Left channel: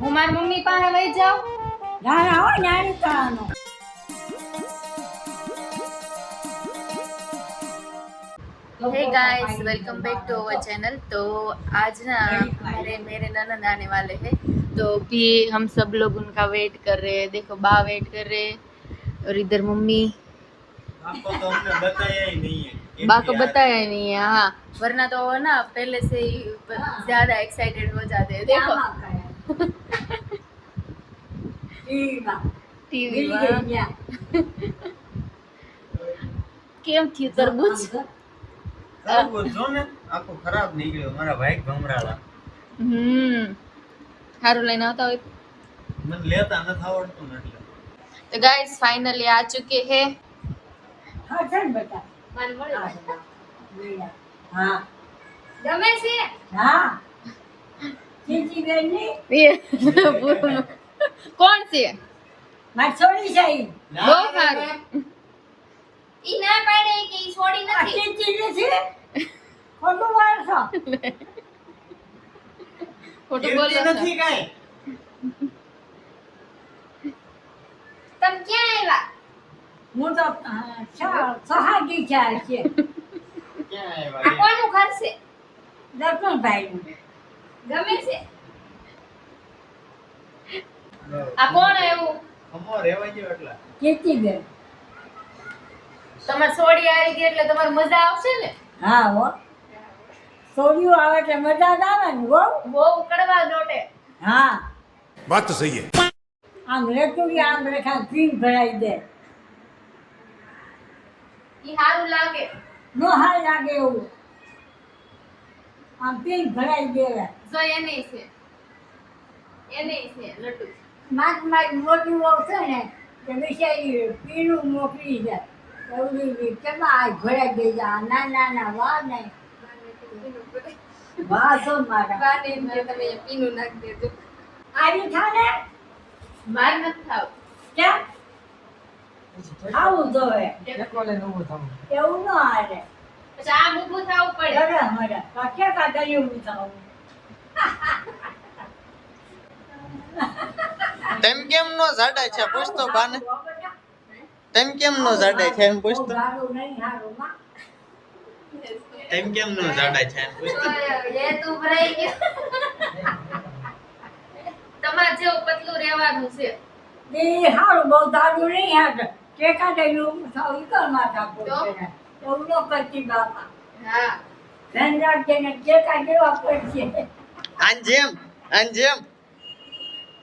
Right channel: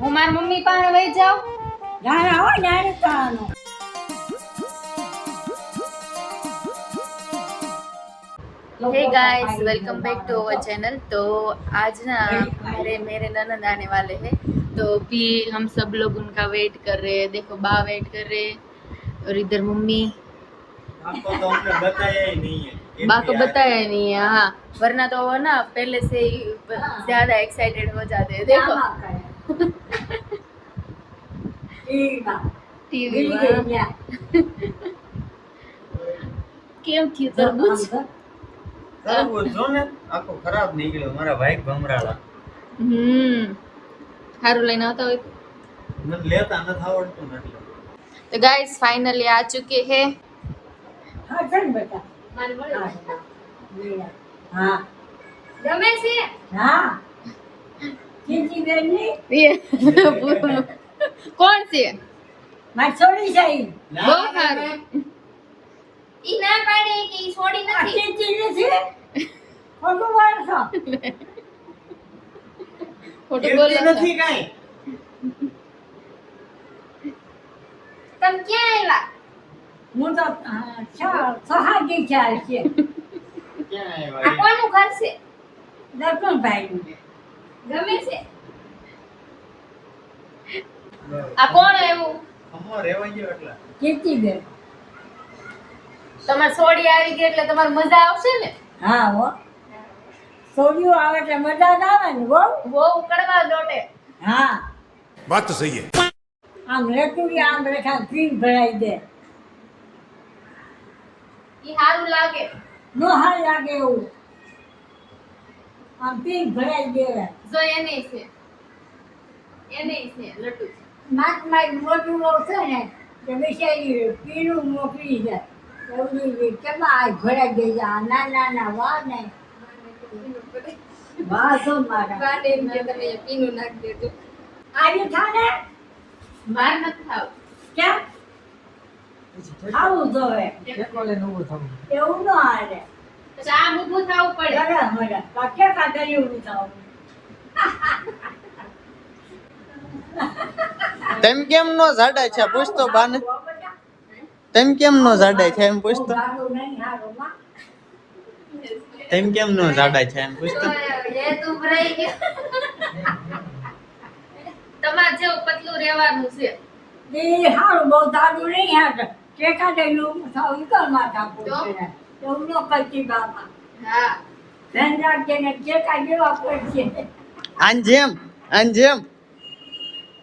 હું મારી મમ્મી પાસે વહી જાઉં. નાના હોય નાની કાનો hey guys, welcome back to our channel. तो आज ना मेरे ननद आने वाले हैं, तो अभी हम सब लोग उनका वेट कर रहे हैं। देखो बा वेट कर रहे हैं और इधर मम्मी। आपको तो हमने बताया ही नहीं है। बा को बताया ही नहीं है। हाँ, वरना तो वो ना पहले से ही ज्यादा एक्साइटेड हो जाते हैं। देखो टीवी કેમ થયું તરબૂચ? તરબૂચ જો ને આખો ખરાબ નીકળ્યો, મારા ભાઈ ભમરાળા. સારું લઈને આવતા હોય મને લેતા નથી આવડતું ને એટલે. तो गाइस फाइनली आ चुके हैं। હા ચલ બેટા હા गमे से હા ચીચી બેની ये कौन सी है? માર છોડી જાય वो सारू ई ना पाड़े के ई छोड़ी આ નથી। ચીચી નથી ખોટું વાળસો ખોટું કીર્તિ બોલો નથી કાંઈ. તમ ક્યાં આવ્યા? હું તો સહાજી ચાલ છે ક્યાં આ આવ્યા? કોનું ઘર છે? દર્શનભાઈ ગમે છે? આ કોણ આવ્યું? અમો રહેવા ગયો એટલે. ચીચી બેન તમાર સોડી આવી ગઈ એટલે તમારે મજા આવશે ને? હા હો છોડ્યું આવે એટલે મજા જ આવે ને બહુ બહુ કડવા લોટે। હા बात तो सही है। આમ રેતુડી આમ રેખા ક્રીમ ભરાઈ દે ઈ સારું લાગે। નો હાલ લાગે એવું આમ પીક ભરાઈ દેવાય જો એને છે લટુ। માત મારી મોટી વહુ છે ને તે બિચારી પીનું મોકલી જાય એવું કેમાં આ ભરાઈ દઈ જાય નાના નાના વા નહીં વાહ તો મારા વાને એમ કે તમે અહીંયા પીનું નાખી દેજો। આજે થાને માર નથી થાવ। ક્યાં ખાવું જોઈએ એવું ન હાલે પછી આ ઊભું થાવું પડે। બરાબર પાછે કાઢી એવું થાવું તેમ કેમ નો જાડા છે પૂછતો બાને. તેમ કેમ નો જાડા છે એમ પૂછતો. સારું નહીં સારું માં તેમ કેમ નો જાડા છે એમ પૂછતો. એ તું ભરાઈ ગયો। તમાર જેવું પતલું રહેવાનું છે। એ સારું બહુ દાદુ નહીં હાથ ટેકા દઈલું થાવું કર માથા પડશે એવું ન કરતી બાપા હા ધન રાખજે ને ટેકા દેવા પડશે આન જેમ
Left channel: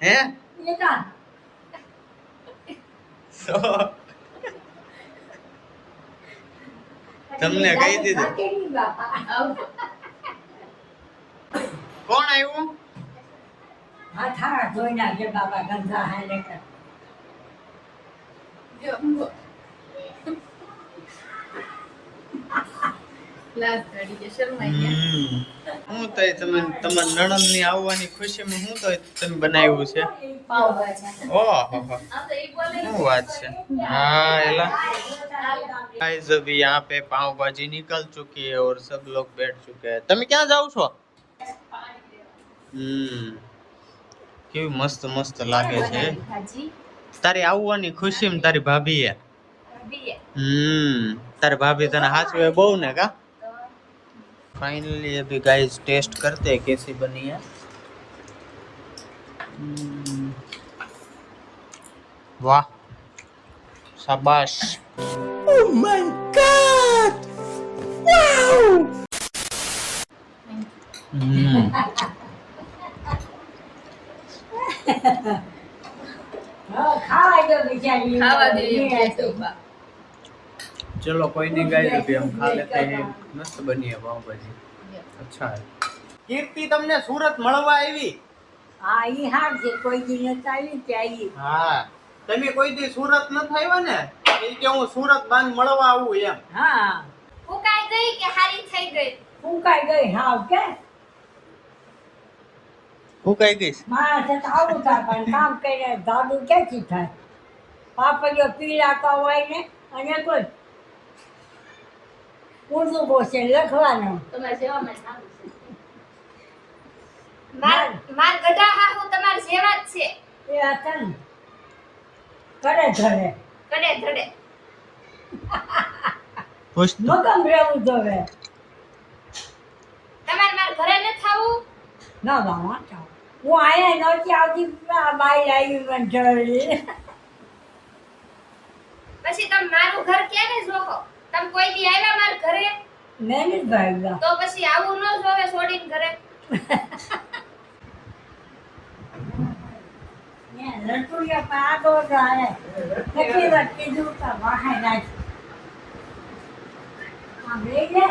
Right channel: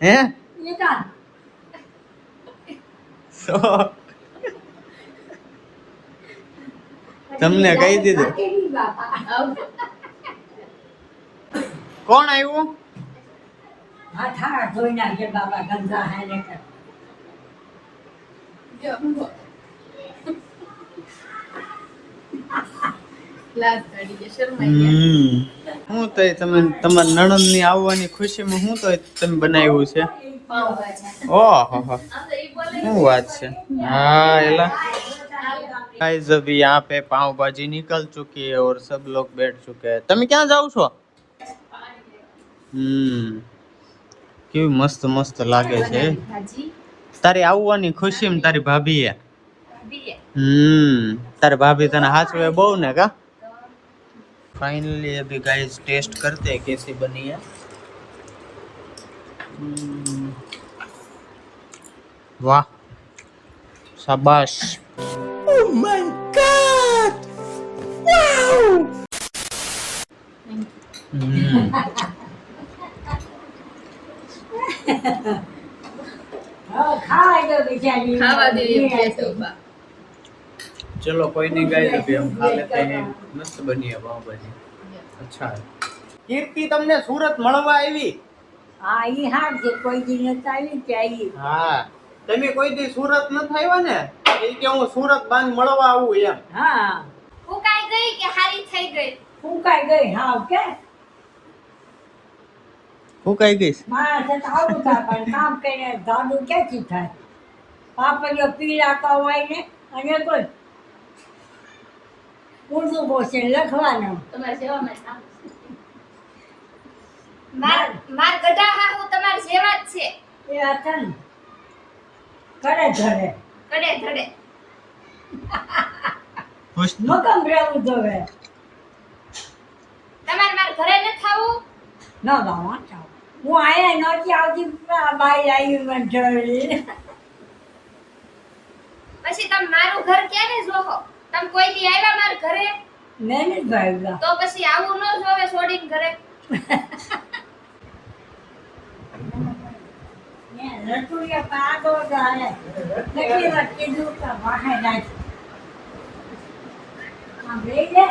હે એ કાં તો તમને કહી દીધું. કેવી બાપા આવજો। કોણ આવ્યું? હાથ હાથ ધોઈ નાખજે બાપા ગંદા હાલે કર જો લાજ કાઢી કે શરમાઈ ગયા। હું તો તમે તમારા નણંદ ની આવવાની ખુશીમાં હું તો તમે બનાવ્યું છે. પાવભાજી ઓહો આ તો ઈ બોલે શું વાત છે. हाँ एला गाइस अभी यहाँ पे पाव भाजी निकल चुकी है और सब लोग बैठ चुके हैं. તમે ક્યાં જાવ છો? કેવી મસ્ત મસ્ત લાગે છે. ભાજી તારી આવવાની ખુશીમાં તારી ભાભીએ બીએ તારી ભાભી તને હાચવે બહુ ને કા. फाइनली अभी गाइस टेस्ट करते हैं कैसी बनी है. वाह शाबाश. Oh my God! Wow! ખાવા જો બિચારી ખાવા દે એમ કે છે બા। चलो कोई नहीं गाइस अभी हम खा लेते हैं. मस्त बनी है पाव भाजी. अच्छा है. કીર્તિ તમને સુરત મળવા આવી? હા ઈ હાર છે કોઈ દી નથી આવી ત્યાં હા તમે કોઈ દી સુરત નથી આવ્યા ને એ કે હું સુરત બાન મળવા આવું એમ. હા ફૂકાઈ ગઈ કે હારી થઈ ગઈ? ફૂંકાઈ ગઈ હાવ કે હું કઈ ગઈશ માણસ તો આવું થાય પણ કામ કરીને દાદુ ક્યાંથી થાય પાપડીઓ પીળાતા હોય ને અને કોઈ ઊંધું બોસે લખવાનું તમારે સેવામાં માર ગઢા હાહુ તમાર જેવા જ છે. એ હતા ને કરે ધરે કડે ધડે. મગમ રહેવું જોવે તમાર માર ઘરે ન થાવું. ના બાવા ચાવ હું આયા નહોતી આવતી આ બાઈ આવી મને જોઈ પછી તમે મારું ઘર ક્યારે જોહો? તમે કોઈ દી આવ્યા માર ઘરે? મેં નથી ભાઈ તો પછી આવું ન જોવે છોડીને ઘરે. લટુડિયા પાડો જાણે કેટલી વાર કીધું કે વાહે નાખ આમ લઈ લે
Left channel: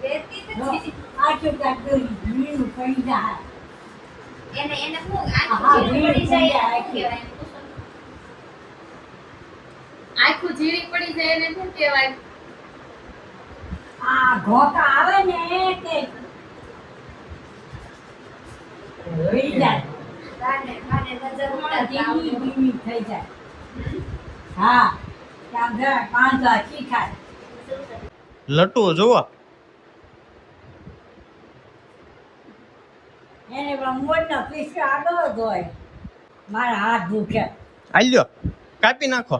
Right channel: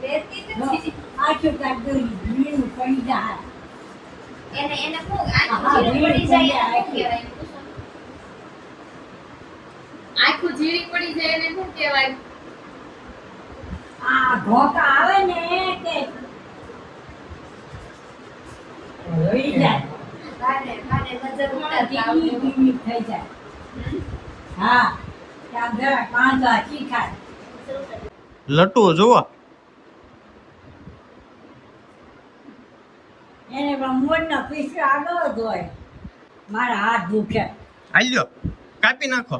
બેસતી જ નો, છે. આખું કાંઈક જોઈ ભીનું પડી જાય એને હું હા, આખું જીરી પડી જાય એને આખી. શું કહેવાય? આખું જીરી પડી જાય એને શું કહેવાય? આ ઘોકા આવે ને કે હોઈ જાય કાને કાને નજર ઉતારતા ધીમી આવડે. ધીમી થઈ જાય હા આમ જરા પાંચા શીખાય લટુ જુઓ એને પણ મોરના પીસ આગળ જ હોય મારા હાથ દુખે આલ્યો કાપી નાખો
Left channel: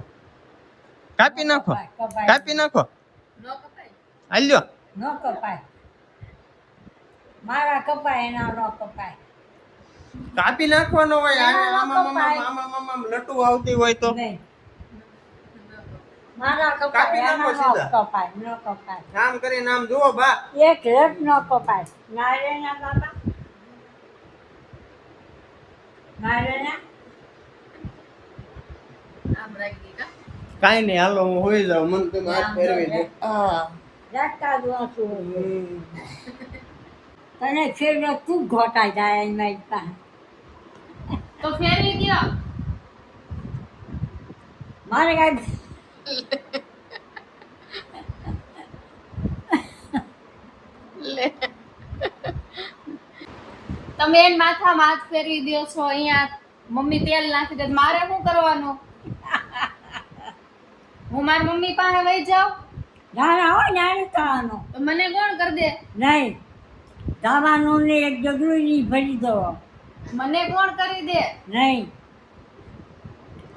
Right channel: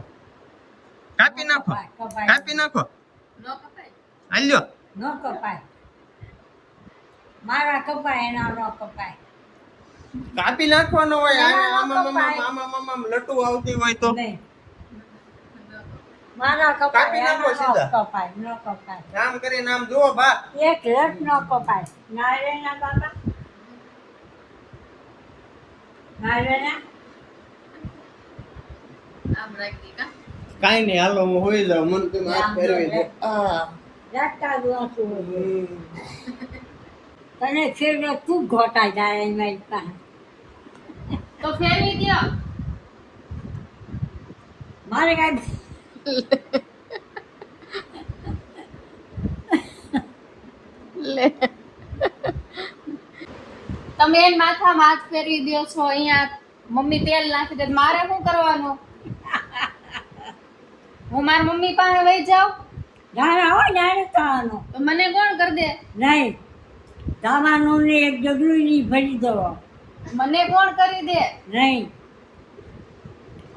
કાપી નાખો કપાય કાપી નાખો ન કપાય. આલ્યો ન કપાય મારા કપાય એના ન કપાય કાપી નાખવાનો હોય એના ન આમાં કપાય. આમાં લટુ આવતી હોય તો નહીં મારા કપાય કાપી નાખો એના ન સીધા. કપાય ન કપાય આમ કરીને આમ જુઓ બા એક રસ ન કપાય નારે ના બાબા નારે ના આમ રાખી કા. કાઈ નહીં હાલો હું હોઈ જાઉં મને તો હાથ ફેરવી દે રાખતા જ વાંચું તને ફેરવે તું ઘોટાઈ જાય એની પાસે તો ફેરવી દ્યો. મારે કાંઈ તમે એન માથામાં હાથ ફેરવી દ્યો છો. અહીંયા મમ્મી તેલ નાખી દે. મારે શું કરવાનું? હું મારી મમ્મી પાસે વહી જાઉં નાના હોય નારે થવાનું તો મને કોણ કરી દે? નહીં દાવાનું ને એક ડગલું ની ભરી દો મને કોણ કરી દે? નહીં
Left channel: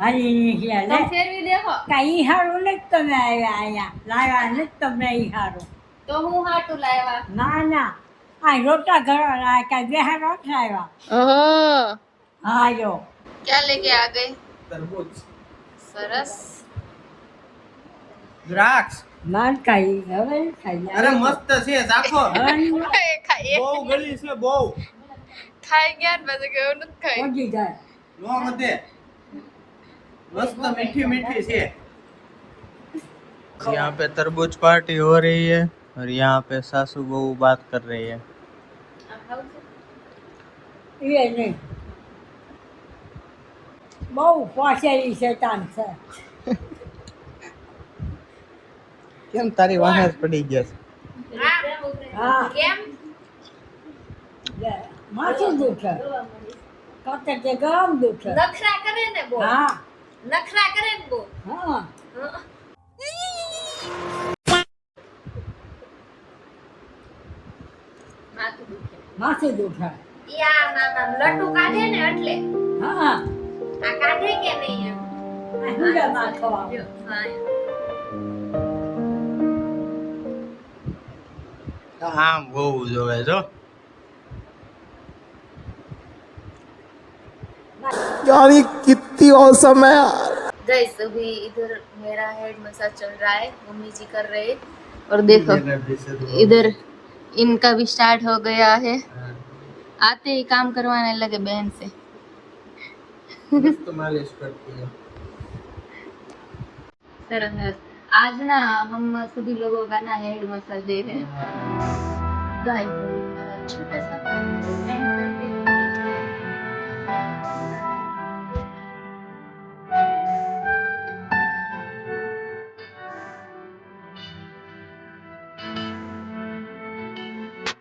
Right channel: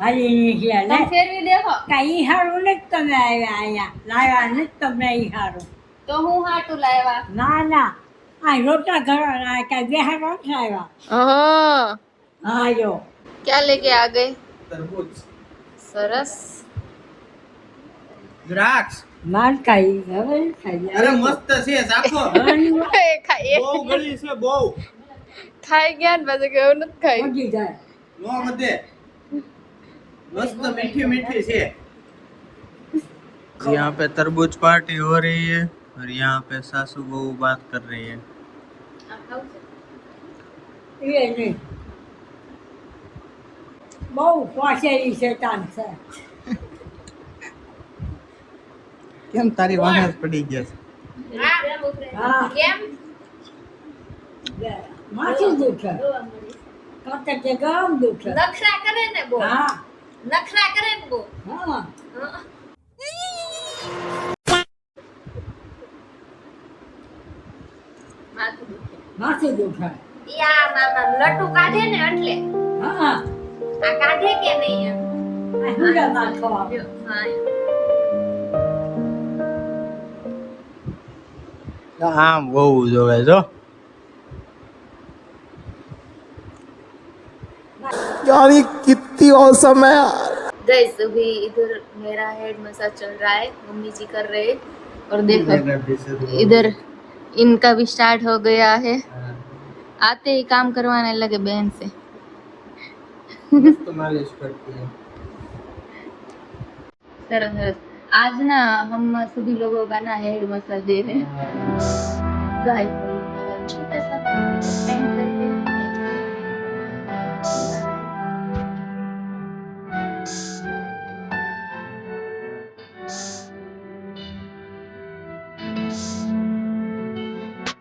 હાલી નહીં તમે ફેરવી દેખો. કાંઈ હારું નથી તમે આવ્યા અહીંયા લાવ્યા નથી તમે ઈ હારું તો હું હાટું લાવ્યા. ના ના આ રોટા ઘર કાંઈ બેહારો નથી આવ્યા હા હા જો क्या लेके आ गए? તરબૂચ સરસ. દ્રાક્ષ માર ખાઈ હવે નહીં ખાઈ અરે મસ્ત છે રાખો હવે નહીં બહુ ગળી છે બહુ ખાઈ ગયા ને પછી કેવું નથી ખાઈ. પહોંચી જાય નો વધે मस्त मीठी मीठी से। यहाँ पे तरबूज पार्टी हो रही है और यहाँ पे सासू बहू बात कर रही है। એ નહીં બહુ પાછેલી શેતાન છે કેમ તારી વાહે જ પડી ગયા છે? હા કેમ? માથું દુખે કાતે કે ગામ દુખે નખરા કરે ને બહુ. હા નખરા કરે ને બહુ. હા માથું દુખે. માથું દુખે ઈ આ લટ્ટુ કાઢે ને એટલે. હા આ કાઢે કે નહીં એમ? આ હુંડા નાખવા જો, હા એમ. આમ બહુ જોવે જો यार ये कितनी औसम है यार। गाइस अभी इधर मेरा हेड मसाज चल रहा है, मम्मी जी कर रहे हैं और देखो इधर इनका भी स्टार्ट हो गया है। आते ही काम करवाने लगे बहन से। मस्त मालिश करती है। सरस सरस। आज ना हम सभी लोगों का ना हेड मसाज दे रहे हैं। गाइस छोटा सा पेंट करके